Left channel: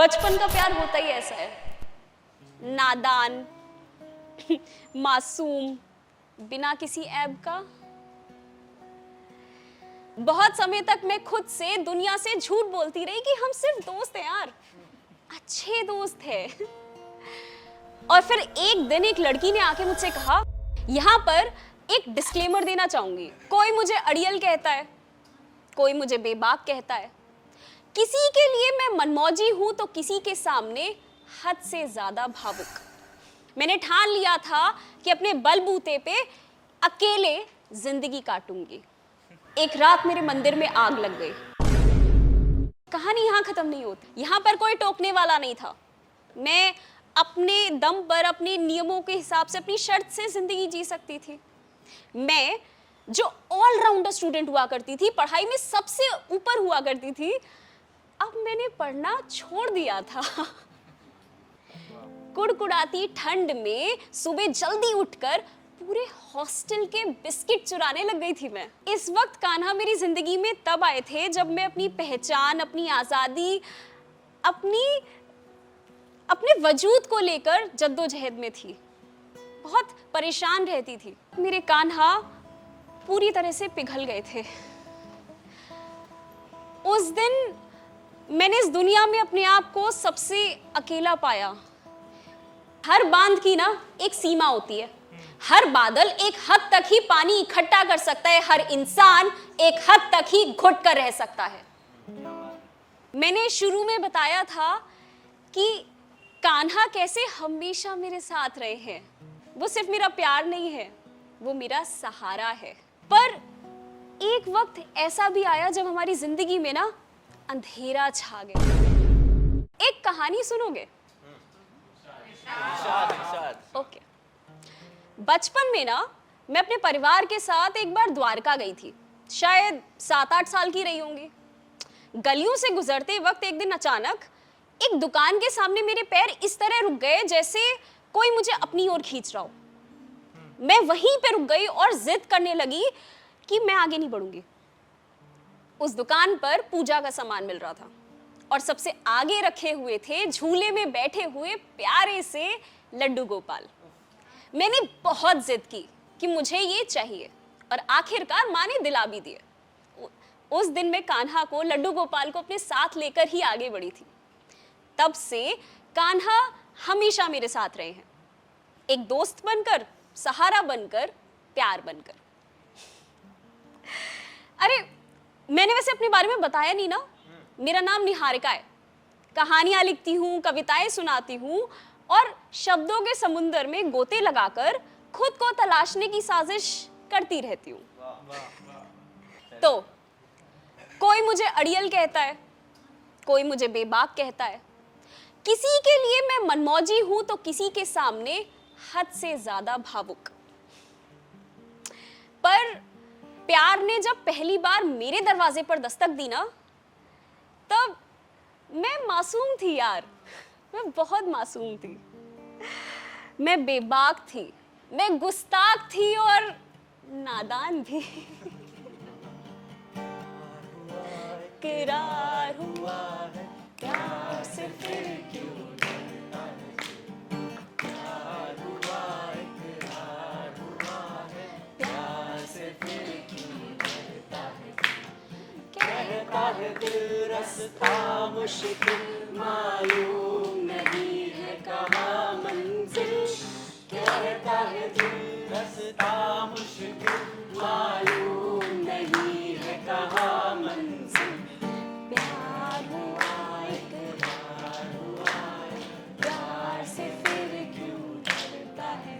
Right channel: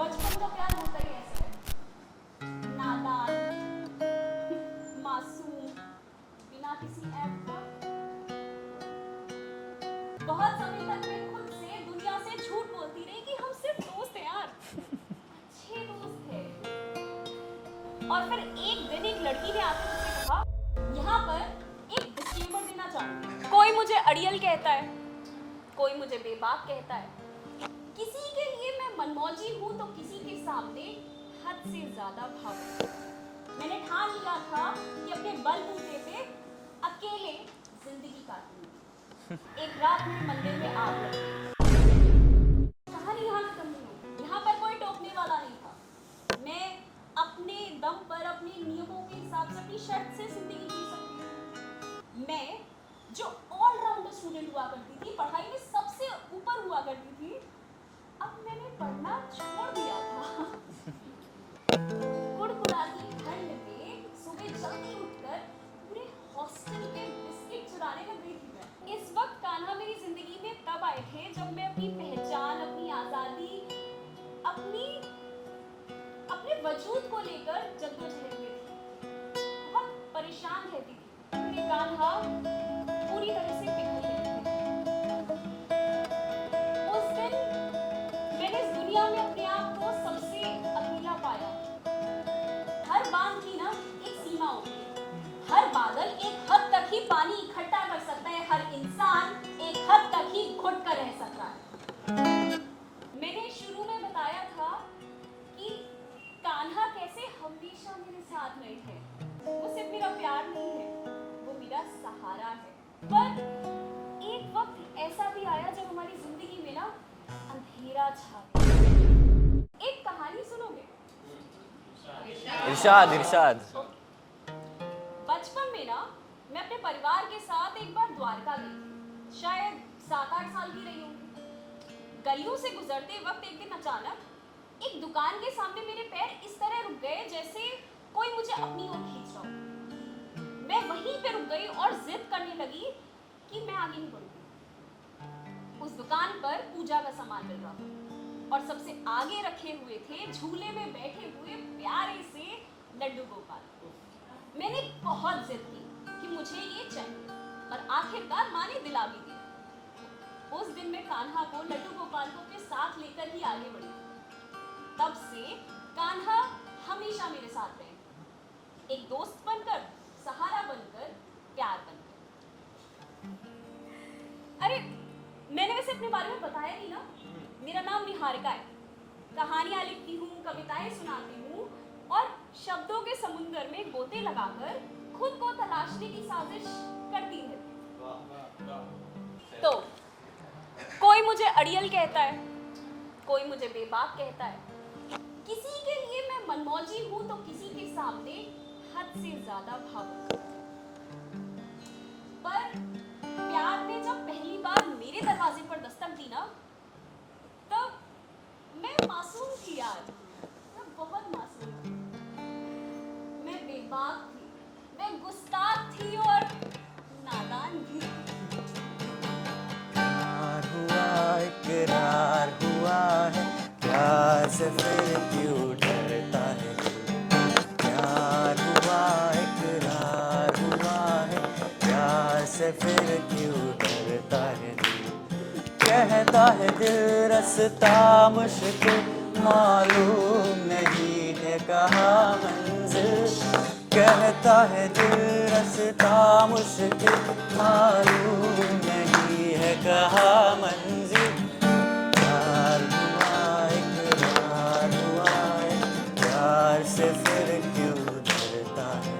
बचपन का प्यार होता ही ऐसा है, नादान, मासूम, बिना किसी ऐब का। बहुत समय तक मैं खुद से, दुनिया से झूठ बोलती रही कि हम सिर्फ दोस्त हैं यार, अच्छे दोस्त हैं। और फिर एक दिन एक लड़की ने आके मुझसे कहा, यहाँ पर एक डिस्क्लेमर देना चाहूंगी, कोई मुझे अड़ियल कहता है, कोई मुझे बेबाक कहता है, किसी के लिए मैं मनमौजी हूं तो किसी के सामने हद से ज्यादा भावुक। मैंने ठान लिया था कि अपने बलबूते पे अकेले जिंदगी काटूंगी। एक रात मेरे मंदिर में आग लग गई। कहानी यहाँ खत्म नहीं होती, यहाँ पर कोई टोकने वाला नहीं था। मैं अपने दम पर, अपने नियमों के हिसाब से, अपनी शर्त से जिंदगी जी सकती थी। मैं जो ऑलराउंडर स्टूडेंट हुआ करती थी, पढ़ाई में सबसे ऊपर हुआ करती थी, अब मैंने पढ़ना छोड़ दिया था। कुड़कुड़ाती ठंड में सुबह जल्दी उठकर पूरे हॉस्टल के बिस्किट चुराने लग गई थी मैं। इस वक्त कान्हा मेरी जिंदगी में तब आए थे जब मैं अपनी पहचान, अपनी आजादी, अपने वजूद को लेकर जद्दोजहद में थी। बहुत परेशान रहती थी। मेरे कान्हा पूरी तरह से पिघल गए थे। उस दिन मैंने इस दुनिया में अपने आप को सबसे अकेला पाया। हर बांध की ना एक सीमा होती है, हर बादल एक हद तक ही पानी इकट्ठा कर सकता है, हर इंसान एक हद तक ही घुट कर रह सकता है। मैंने शुरू में बताया था कि कान्हा कैसे हमेशा मेरे साथ रहे हैं। वो सिर्फ मेरा प्यार नहीं है, वो मेरा सहारा है। पर एक वक्त ऐसा भी आया जब हमारी जिंदगी में ना अंधेरा छा गया। एक कहानी सुनोगे? इरशाद इरशाद। ओके। बचपन में ना मैं अपने परिवार के साथ एक बार द्वारका गई थी। शायद 7-8 साल की रही होंगी। गलियों से गुजरते वक्त एक दिन अचानक एक दुकान के सामने मेरे पैर इस तरह रुक गए जैसे कोई मुझे अपनी ओर खींच रहा हो। मैं वहीं पे रुक गई और जिद करने लगी कि मैं आगे नहीं बढ़ूंगी। उस दुकान पर पूजा का सामान मिल रहा था और सबसे आगे रखे हुए थे झूले में बैठे हुए प्यारे से लड्डू गोपाल। मैंने बहुत जिद की कि मुझे ये चाहिए और आखिरकार माँ ने दिला भी दिया। उस दिन मैं कान्हा को, लड्डू गोपाल को अपने साथ लेकर ही आगे बढ़ी थी। तब से कान्हा हमेशा मेरे साथ रहे हैं, एक दोस्त बनकर, सहारा बनकर, प्यार बनकर। अरे मैंने वैसे अपने बारे में बताया नहीं ना, मेरा नाम निहारिका है। कहानियां लिखती हूँ, कविताएं सुनाती हूँ और शब्दों के समुंदर में गोते लगाकर खुद को तलाशने की साजिश करती रहती हूँ। तो कोई मुझे अड़ियल कहता है, कोई मुझे बेबाक कहता है, किसी के लिए मैं मनमौजी हूं तो किसी के सामने हद से ज्यादा भावुक। पर प्यार ने जब पहली बार मेरे दरवाजे पर दस्तक दी ना, तब मैं मासूम थी यार, मैं बहुत मासूम थी। मैं बेबाक थी, मैं गुस्ताख थी और नादान भी। इकरार हुआ है, प्यार से फिर क्यों डरता है? प्यार हुआ, इकरार हुआ है, प्यार से फिर क्यों डरता है? कहता है दिल रास्ता मुश्किल, मालूम नहीं है कहाँ मंजिल। कहता है दिल रास्ता मुश्किल, मालूम नहीं है कहाँ मंजिल। प्यार हुआ, इकरार हुआ है, प्यार से फिर क्यों डरता है?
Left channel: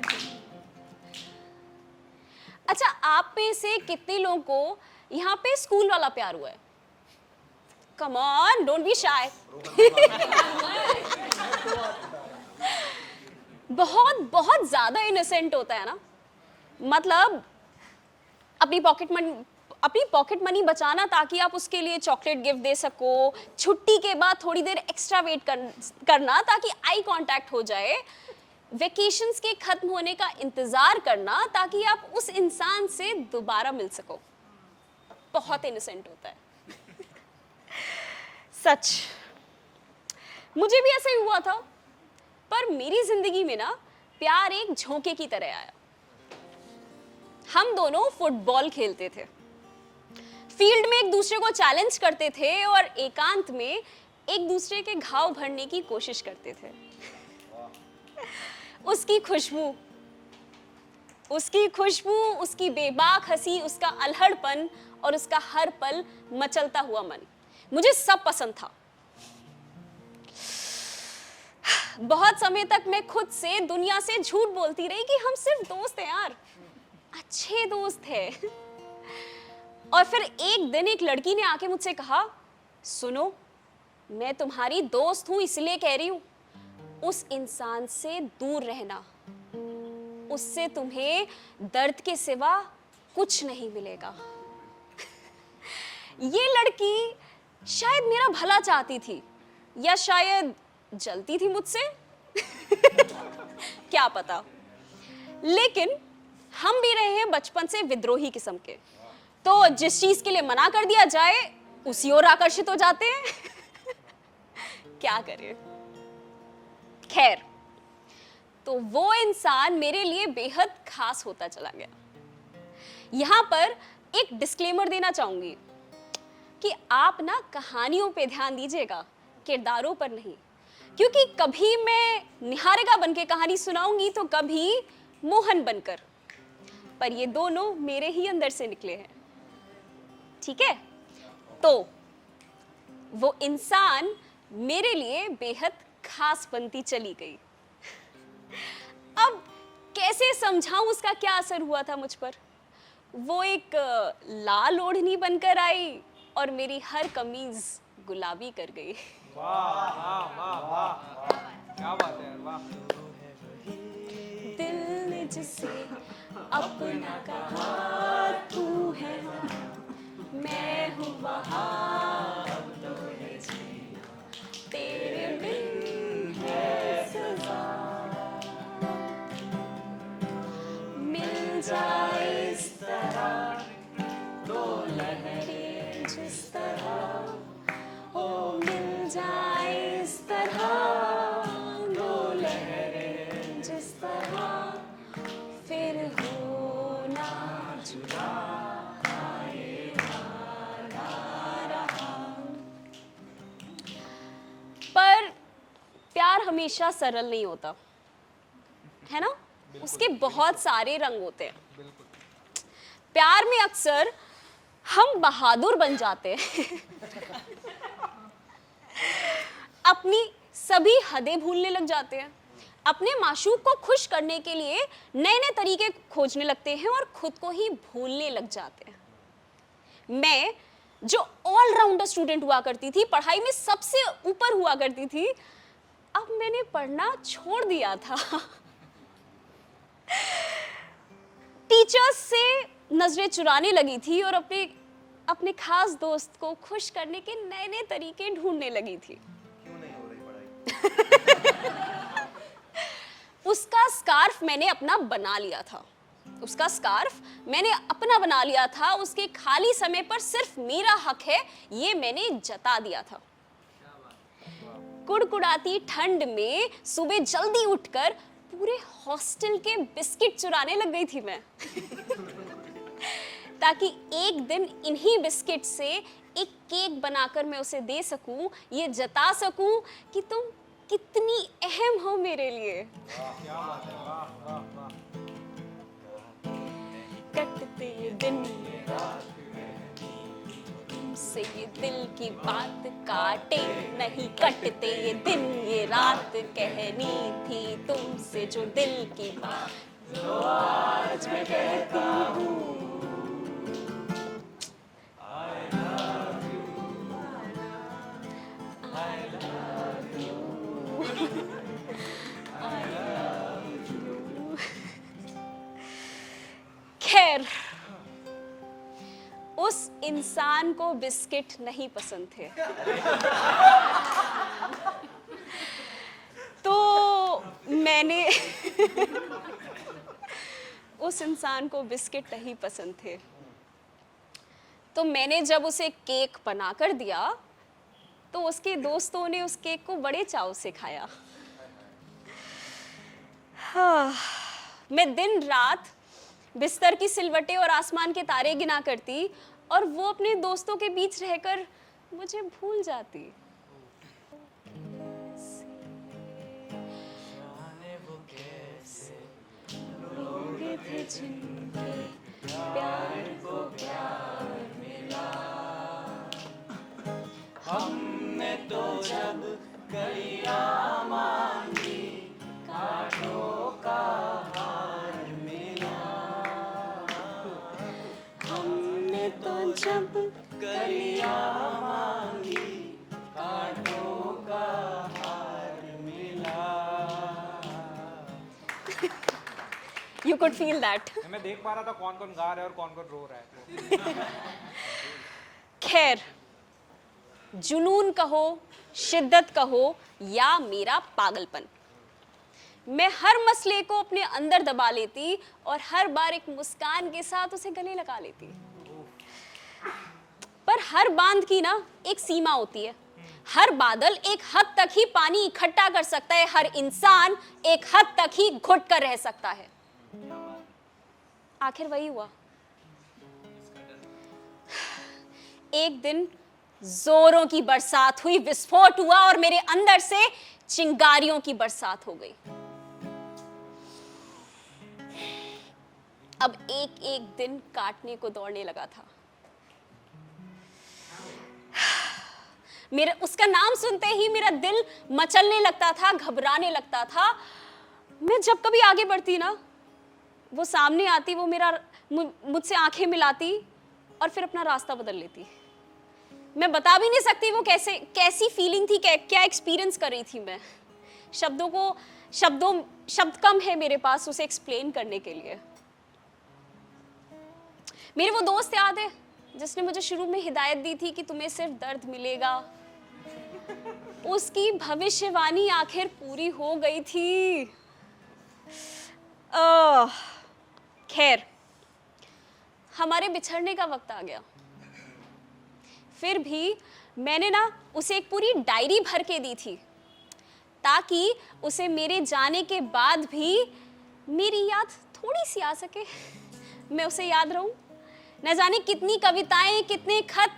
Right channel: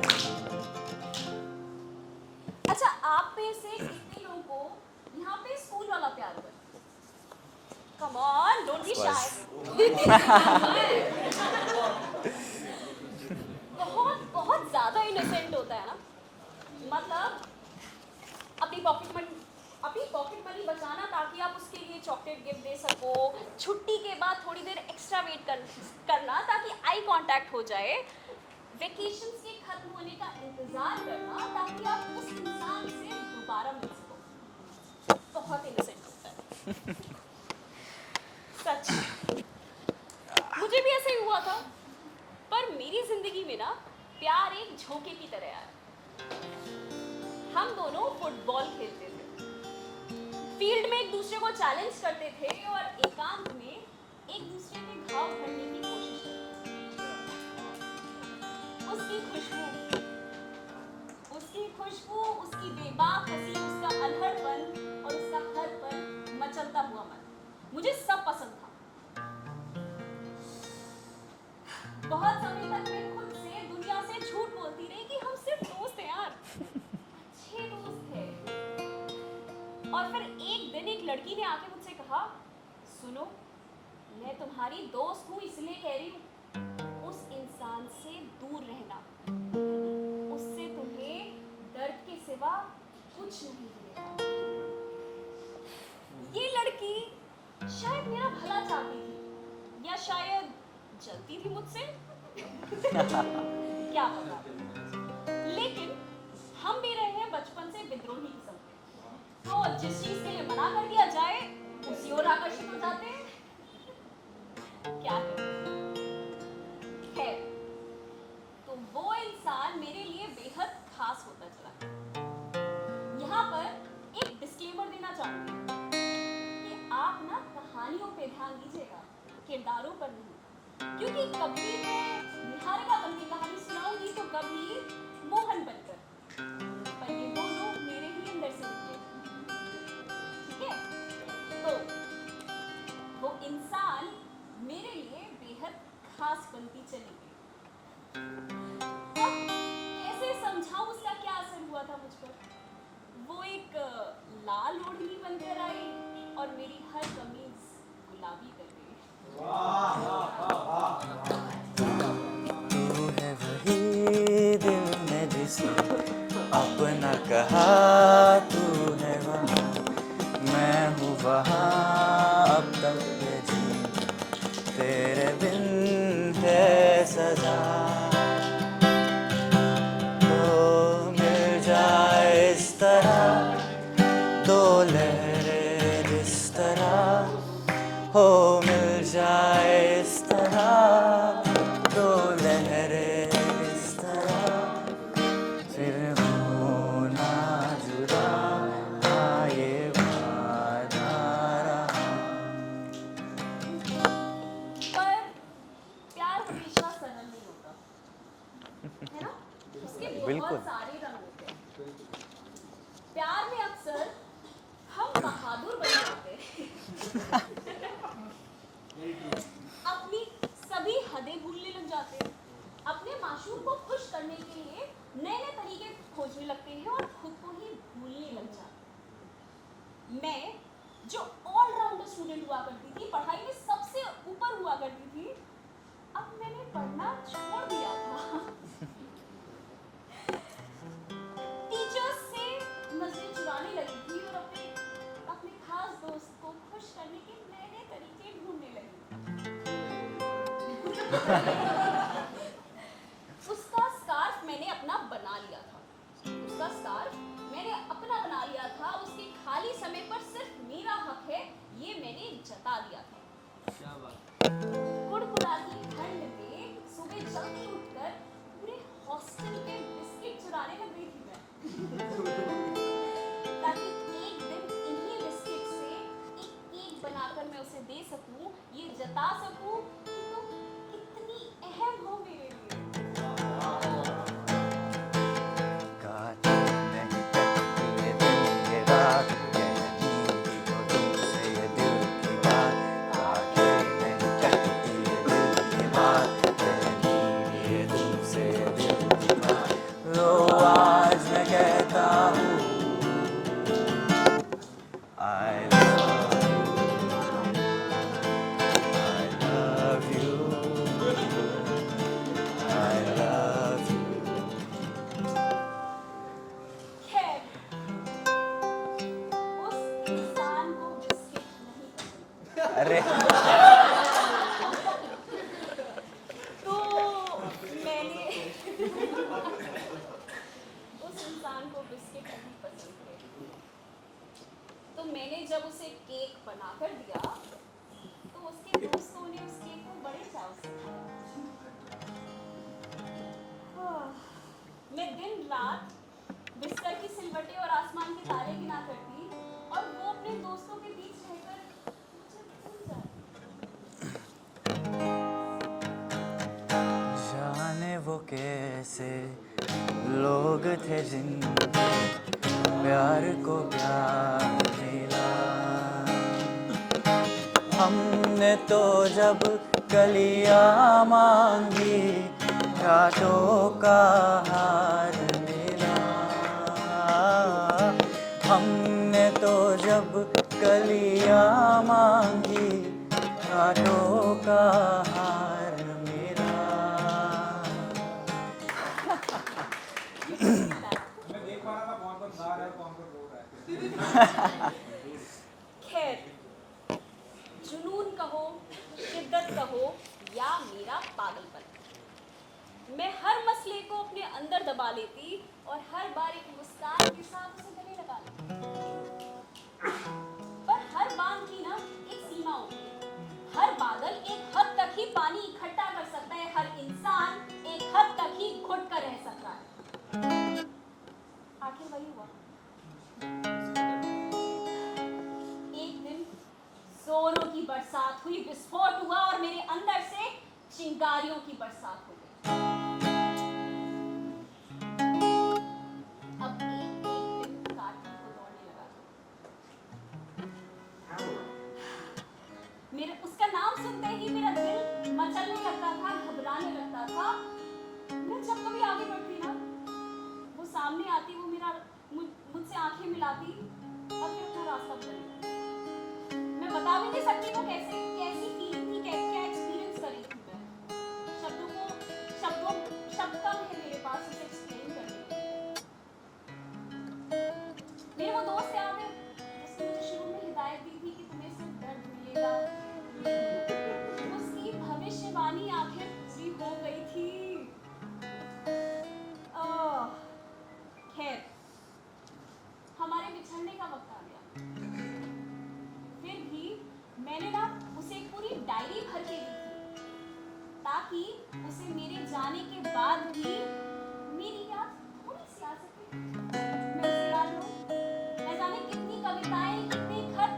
अच्छा, आप में से कितने लोगों को यहाँ पे स्कूल वाला प्यार हुआ है? Come on, don't be shy. बहुत बहुत ज्यादा इनोसेंट होता है ना। मतलब अपनी पॉकेट मनी बचाना ताकि आप उसके लिए चॉकलेट गिफ्ट दे सको, छुट्टी के बाद थोड़ी देर एक्स्ट्रा वेट करना ताकि आई कांटेक्ट हो जाए, वेकेशंस के खत्म होने का इंतजार करना ताकि आप उस इंसान से दोबारा मिल सको। बहुत इनोसेंट होता है। सच। मुझे भी ऐसे ही हुआ था, पर मेरी जिंदगी में ना प्यार एक झोंके की तरह आया। हम दोनों फुटबॉल खेलते थे, फील्ड में एक दूसरे को चैलेंज करते थे और एकांत में एक दूसरे के घाव भरने की कोशिश करते थे। उसकी खुशबू, उसकी बेबाक हंसी, उसका अल्हड़पन और उसका हर पल मचलता हुआ मन, मुझे सब पसंद था। बहुत समय तक मैं खुद से, दुनिया से झूठ बोलती रही कि हम सिर्फ दोस्त हैं यार, अच्छे दोस्त हैं। और फिर एक दिन एक लड़की ने आके मुझसे कहा, सुनो, मैं तुम्हारी दोस्त हूं इसलिए कह रही हूं, उस इंसान से दूर रहना, उससे तुम्हें दर्द के सिवा कुछ नहीं मिलेगा। ये लड़की शायद मेरा भला चाहती थी या शायद जलती थी मुझसे क्या पता, लेकिन हम भी रहे हैं बचपन से विद्रोही किस्म के, तो जिस चीज के लिए मना कर दिया जाए उसी ओर आकर्षित हो जाते हैं क्या करें। खैर, तो वो इंसान मेरे लिए बेहद खास होता चला गया। यहां पर एक डिस्क्लेमर देना चाहूंगी कि आप ना कहानियों पे ध्यान दीजिएगा, किरदारों पर नहीं, क्योंकि कभी मैं निहारिका बनके कहानी सुनाऊंगी तो कभी मोहन बनकर, पर ये दोनों मेरे ही अंदर से निकले हैं, ठीक है। तो वो इंसान मेरे लिए बेहद खास बनती चली गई। अब कैसे समझाऊं उसका क्या असर हुआ था मुझ पर। वो एक लाल ओढ़नी बनकर आई और मेरी हर कमीज गुलाबी कर गई। तू है वही दिल में जिसे अपना कहा, तू है वहाँ, मैं हूँ वहाँ, अब तक ये जी तेरे बिन है सजा। तो मिल जाए इस तरह दो लहरें जिस तरह, हो मिल जाए इस तरह दो लहरें जिस तरह, फिर होना जुदा ये वादा रहा। पर प्यार हमेशा सरल नहीं होता, है ना, उसके बहुत सारे रंग होते हैं। प्यार में अक्सर हम बहादुर बन जाते हैं अपनी सभी हदें भूलने लग जाते हैं, अपने माशूक को खुश करने के लिए नए नए तरीके खोजने लगते हैं और खुद को ही भूलने लग जाते हैं। मैं जो ऑलराउंडर स्टूडेंट हुआ करती थी, पढ़ाई में सबसे ऊपर हुआ करती थी, अब मैंने पढ़ना छोड़ दिया था टीचर्स से नजरें चुराने लगी थी और अपने खास दोस्त को खुश करने के नए नए तरीके ढूंढने लगी थी उसका स्कार्फ मैंने अपना बना लिया था, उसके खाली समय पर सिर्फ मेरा हक है ये मैंने जता दिया था। कुड़कुड़ाती ठंड में सुबह जल्दी उठकर पूरे हॉस्टल के बिस्किट चुराने लग गई थी मैं ताकि एक दिन इन्हीं बिस्किट से एक केक बनाकर मैं उसे दे सकूं, ये जता सकूं कि तुम कितनी अहम हो मेरे लिए। काटे नहीं कटती ये दिन ये रात, कहती हो तुमसे ये दिल की बात। काटे नहीं कटते ये दिन ये रात, कहनी थी तुमसे जो दिल की बात। लो आज मैं कहता हूँ I love you, I love you। खैर, उस इंसान को बिस्किट नहीं पसंद थे अरे तो मैंने उस इंसान को बिस्किट नहीं पसंद थे तो मैंने जब उसे केक बनाकर दिया तो उसके दोस्तों ने उस केक को बड़े चाव से खाया। हाँ, मैं दिन रात बिस्तर की सिलवटें और आसमान के तारे गिना करती और वो अपने दोस्तों के बीच रहकर मुझे भूल जाती। जाने वो कैसे लोग थे जिनके प्यार को प्यार मिला। हमने तो जब कलियां मांगी कांटों का हार मिला। हमने तो जब कलियां मांगी कांटों का हार मिला। You could feel that. मैं देख पा रहा था कौन कौन गा रहा है और कौन कौन रो रहा है। खैर, जुनून कहो, शिद्दत कहो या मेरा पागलपन, मैं हर मसले को अपने अंदर दबा लेती और हर बार एक मुस्कान के साथ उसे गले लगा लेती। पर हर बांध की ना एक सीमा होती है। हर बादल एक हद तक ही पानी इकट्ठा कर सकता है, हर इंसान एक हद तक ही घुट कर रह सकता है। आखिर वही हुआ। एक दिन जोरों की बरसात हुई, विस्फोट हुआ और मेरे अंदर से चिंगारियों की बरसात हो गई। अब एक एक दिन काटने को दौड़ने लगा था। मेरे उसका नाम सुनते ही मेरा दिल मचलने लगता था, घबराने लगता था। मैं जब कभी आगे बढ़ती ना, वो सामने आती, वो मुझसे आंखें मिलाती और फिर अपना रास्ता बदल लेती। मैं बता भी नहीं सकती वो कैसी फीलिंग थी, क्या एक्सपीरियंस कर रही थी मैं। शब्द कम है मेरे पास उसे एक्सप्लेन करने के लिए। मेरे वो दोस्त याद है जिसने मुझे शुरू में हिदायत दी थी कि तुम्हें सिर्फ दर्द मिलेगा। उसकी भविष्यवाणी आखिर पूरी हो गई थी। खैर, हमारे बिछड़ने का वक्त आ गया। फिर भी मैंने ना उसे एक पूरी डायरी भर के दी थी ताकि उसे मेरे जाने के बाद भी मेरी याद थोड़ी सी आ सके, मैं उसे याद रहूं। न जाने कितनी कविताएं, कितने खत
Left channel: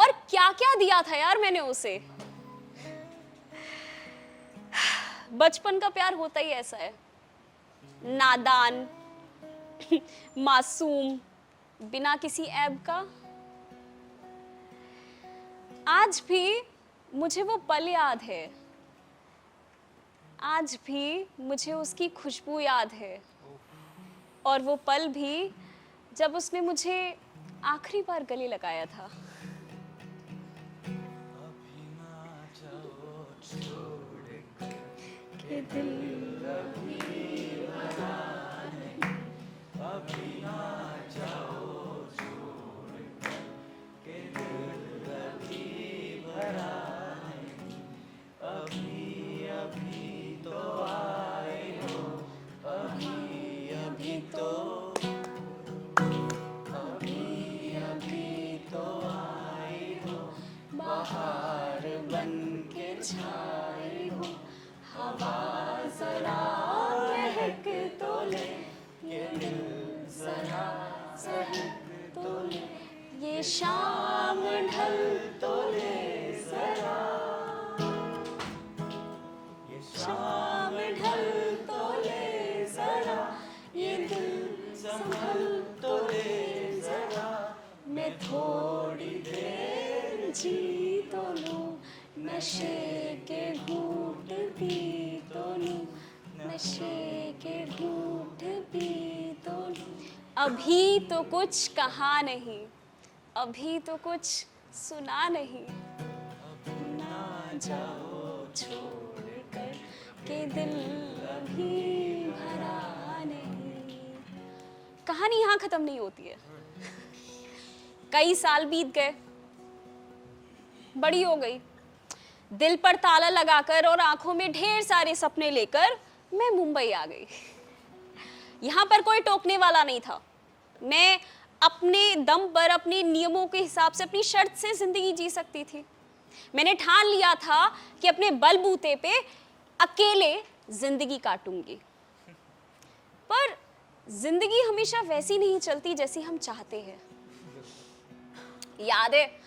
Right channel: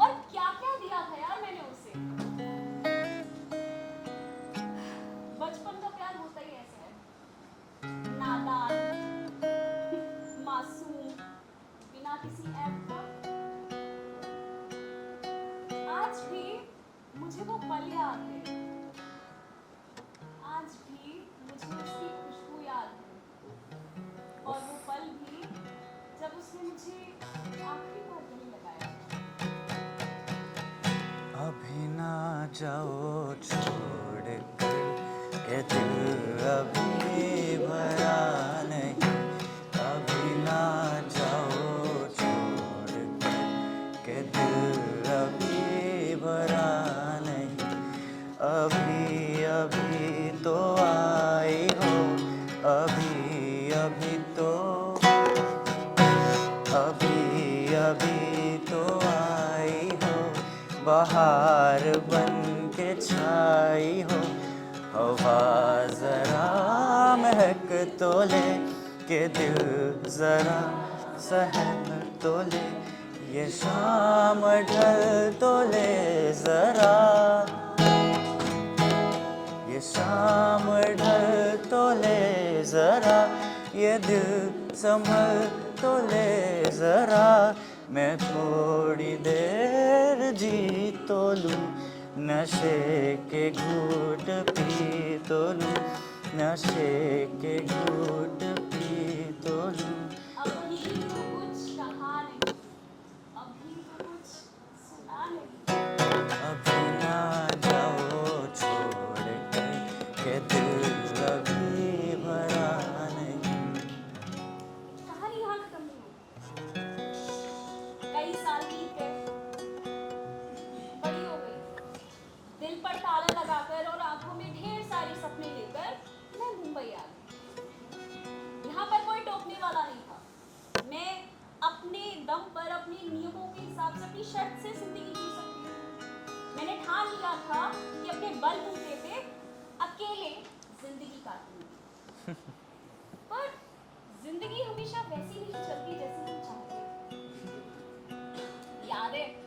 और क्या-क्या दिया था यार मैंने उसे। बचपन का प्यार होता ही ऐसा है, नादान, मासूम, बिना किसी ऐब का। आज भी मुझे वो पल याद है, आज भी मुझे उसकी खुशबू याद है, और वो पल भी जब उसने मुझे आखिरी बार गले लगाया था। अभी ना जाओ छोड़ कर, ये दिल अभी भरा नहीं। अभी ना जाओ छोड़ कर, ये दिल अभी भरा नहीं। अभी अभी तो आई हो, अभी अभी तो, अभी अभी तो आई हो, बहार बन के छाई हो। हवा जरा महक तो ले, के दिल जरा सहम तो ले। ये शाम ढल तो ले जरा, ये शाम ढल तो ले जरा। ये दिल संभल तो ले जरा। मैं थोड़ी देर जी तो लूं, नशे के घूंट पी तो लूं, नशे के घूंट पी तो लूं। अभी तो कुछ कहा नहीं, अभी तो कुछ सुना नहीं। अभी ना जाओ छोड़ कर, के दिल अभी भरा नहीं। कहानी यहाँ खत्म नहीं होती है। कई साल बीत गए, बड़ी हो गई, दिल पर ताला लगाकर और आंखों में ढेर सारे सपने लेकर मैं मुंबई आ गई। यहाँ पर कोई टोकने वाला नहीं था। मैं अपने दम पर, अपने नियमों के हिसाब से, अपनी शर्त से जिंदगी जी सकती थी। मैंने ठान लिया था कि अपने बलबूते पे अकेले जिंदगी काटूंगी। पर जिंदगी हमेशा वैसी नहीं चलती जैसी हम चाहते हैं। याद है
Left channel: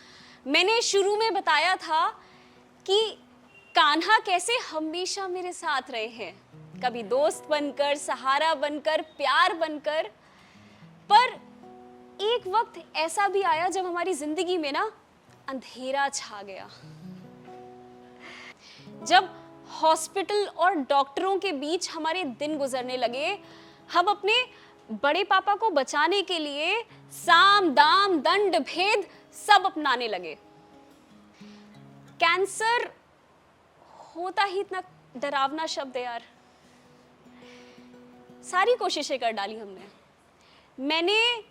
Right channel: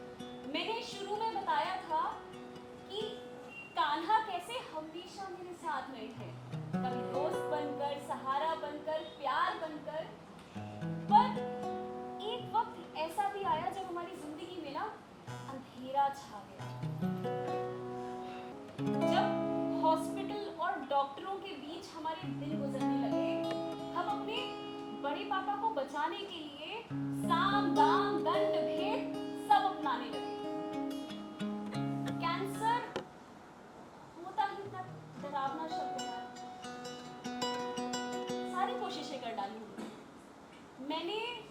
मैंने शुरू में बताया था कि कान्हा कैसे हमेशा मेरे साथ रहे हैं, कभी दोस्त बनकर, सहारा बनकर, प्यार बनकर। पर एक वक्त ऐसा भी आया जब हमारी जिंदगी में ना अंधेरा छा गया, जब हॉस्पिटल और डॉक्टरों के बीच हमारे दिन गुजरने लगे। हम अपने बड़े पापा को बचाने के लिए साम दाम दंड भेद सब अपनाने लगे। कैंसर होता ही इतना डरावना शब्द है यार। सारी कोशिशें कर डाली हमने। मैंने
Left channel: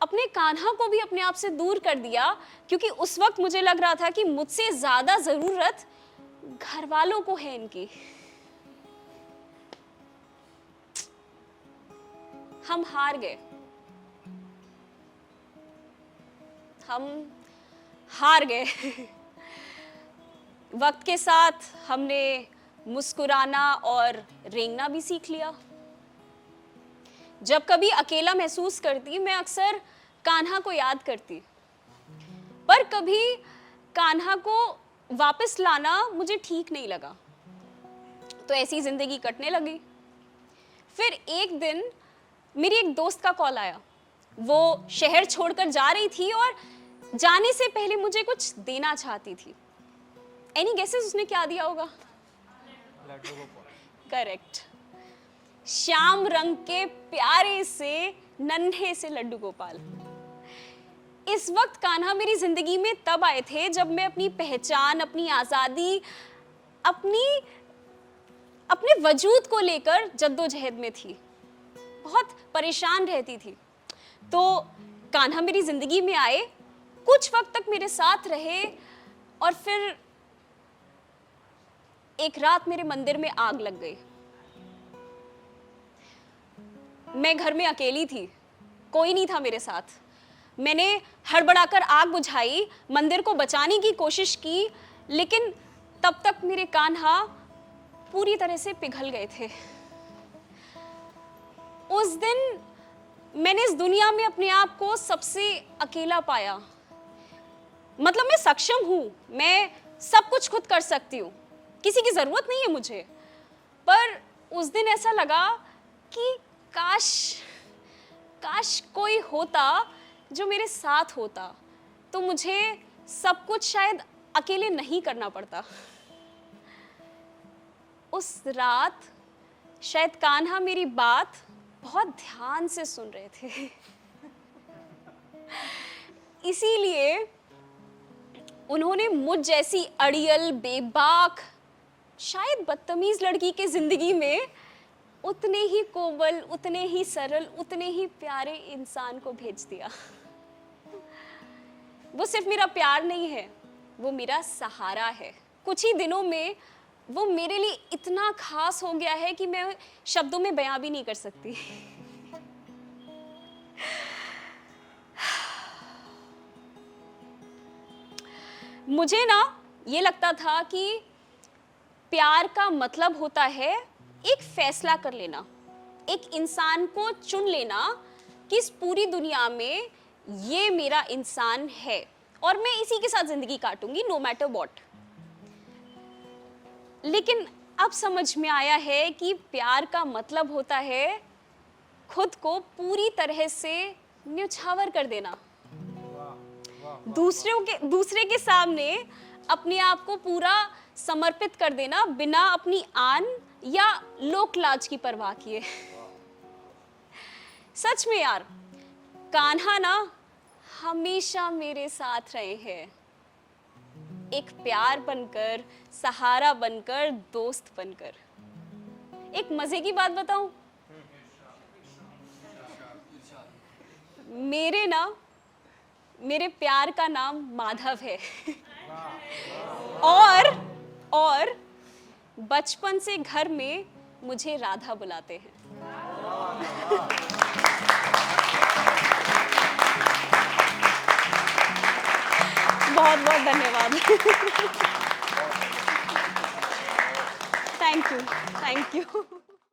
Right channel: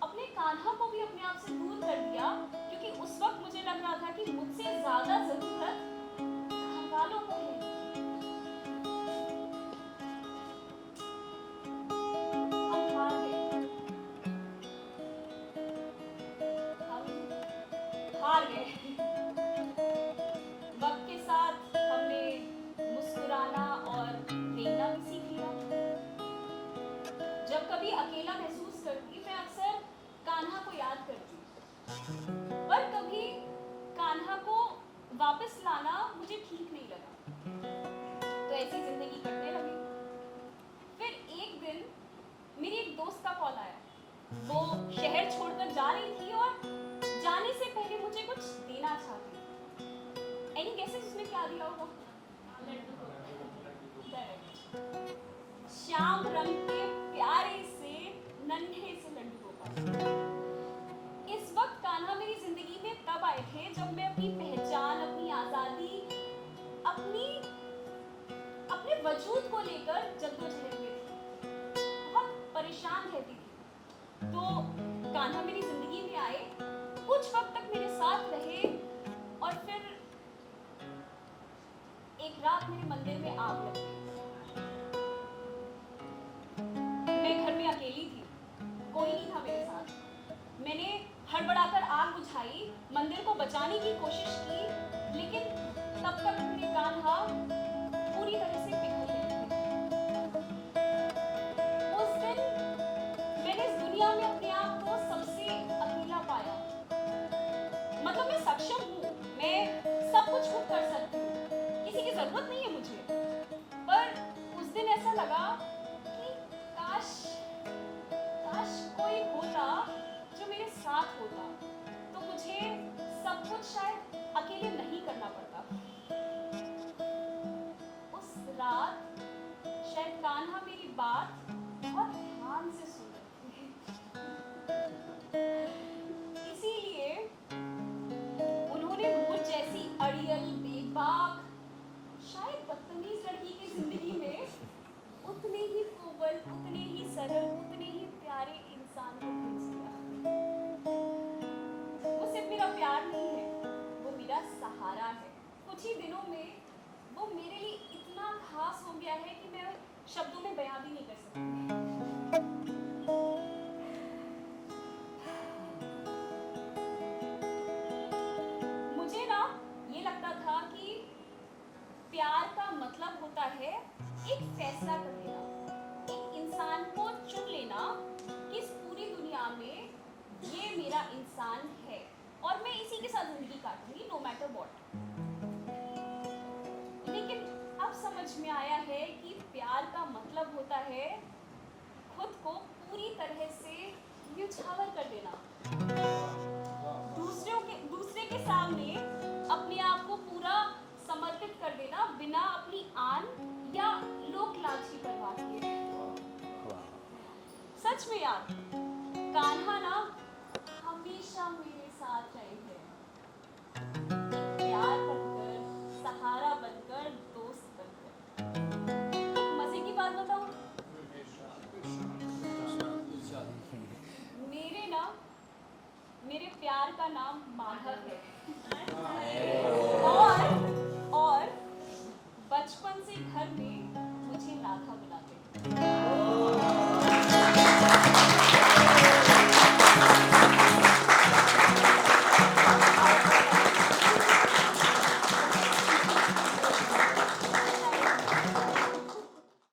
अपने कान्हा को भी अपने आप से दूर कर दिया, क्योंकि उस वक्त मुझे लग रहा था कि मुझसे ज्यादा जरूरत घर वालों को है इनकी। हम हार गए, हम हार गए। वक्त के साथ हमने मुस्कुराना और रेंगना भी सीख लिया। जब कभी अकेला महसूस करती, मैं अक्सर कान्हा को याद करती, पर कभी कान्हा को वापस लाना मुझे ठीक नहीं लगा, तो ऐसी जिंदगी कटने लगी। फिर एक दिन मेरी एक दोस्त का कॉल आया। वो शहर छोड़कर जा रही थी और जाने से पहले मुझे कुछ देना चाहती थी। एनी गेसेस उसने क्या दिया होगा? करेक्ट, श्याम रंग के प्यारे से नन्हे से लड्डू गोपाल। इस वक्त कान्हा मेरी जिंदगी में तब आए थे जब मैं अपनी पहचान, अपनी आजादी, अपने वजूद को लेकर जद्दोजहद में थी, बहुत परेशान रहती थी। तो कान्हा मेरी जिंदगी में आए, कुछ वक्त तक मेरे साथ रहे, और फिर एक रात मेरे मंदिर में आग लग गई। मैं घर में अकेली थी, कोई नहीं था मेरे साथ। मैंने हड़बड़ाकर आग बुझाई, मंदिर को बचाने की कोशिश की, लेकिन तब तक मेरे कान्हा पूरी तरह से पिघल गए थे। उस दिन मैंने इस दुनिया में अपने आप को सबसे अकेला पाया। मतलब मैं सक्षम हूं, मैं सब कुछ खुद कर सकती हूँ, किसी की जरूरत नहीं है मुझे। पर उस दिन ऐसा लगा कि काश कोई होता जो मेरे साथ होता, तो मुझे सब कुछ शायद अकेले नहीं करना पड़ता। उस रात शायद कान्हा मेरी बात बहुत ध्यान से सुन रहे थे, इसीलिए उन्होंने मुझ जैसी अड़ियल, बेबाक, शायद बदतमीज लड़की के जिंदगी में उतने ही कोमल, उतने ही सरल, उतने ही प्यारे इंसान को भेज दिया। वो सिर्फ मेरा प्यार नहीं है, वो मेरा सहारा है। कुछ ही दिनों में वो मेरे लिए इतना खास हो गया है कि मैं शब्दों में बयां भी नहीं कर सकती। मुझे ना ये लगता था कि प्यार का मतलब होता है एक फैसला कर लेना, एक इंसान को चुन लेना कि इस पूरी दुनिया में ये मेरा इंसान है और मैं इसी के साथ जिंदगी काटूंगी, नो मैटर व्हाट। लेकिन अब समझ में आया है कि प्यार का मतलब होता है खुद को पूरी तरह से न्यौछावर कर देना, दूसरे के सामने अपने आप को पूरा समर्पित कर देना, बिना अपनी आन या लोक लाज की परवाह किए। सच में यार, कान्हा ना हमेशा मेरे साथ रहे हैं, एक प्यार बनकर, सहारा बनकर, दोस्त बनकर। एक मजे की बात बताऊं, मेरे प्यार का नाम माधव है और बचपन से घर में मुझे राधा बुलाते हैं। बहुत बहुत धन्यवाद। Thank you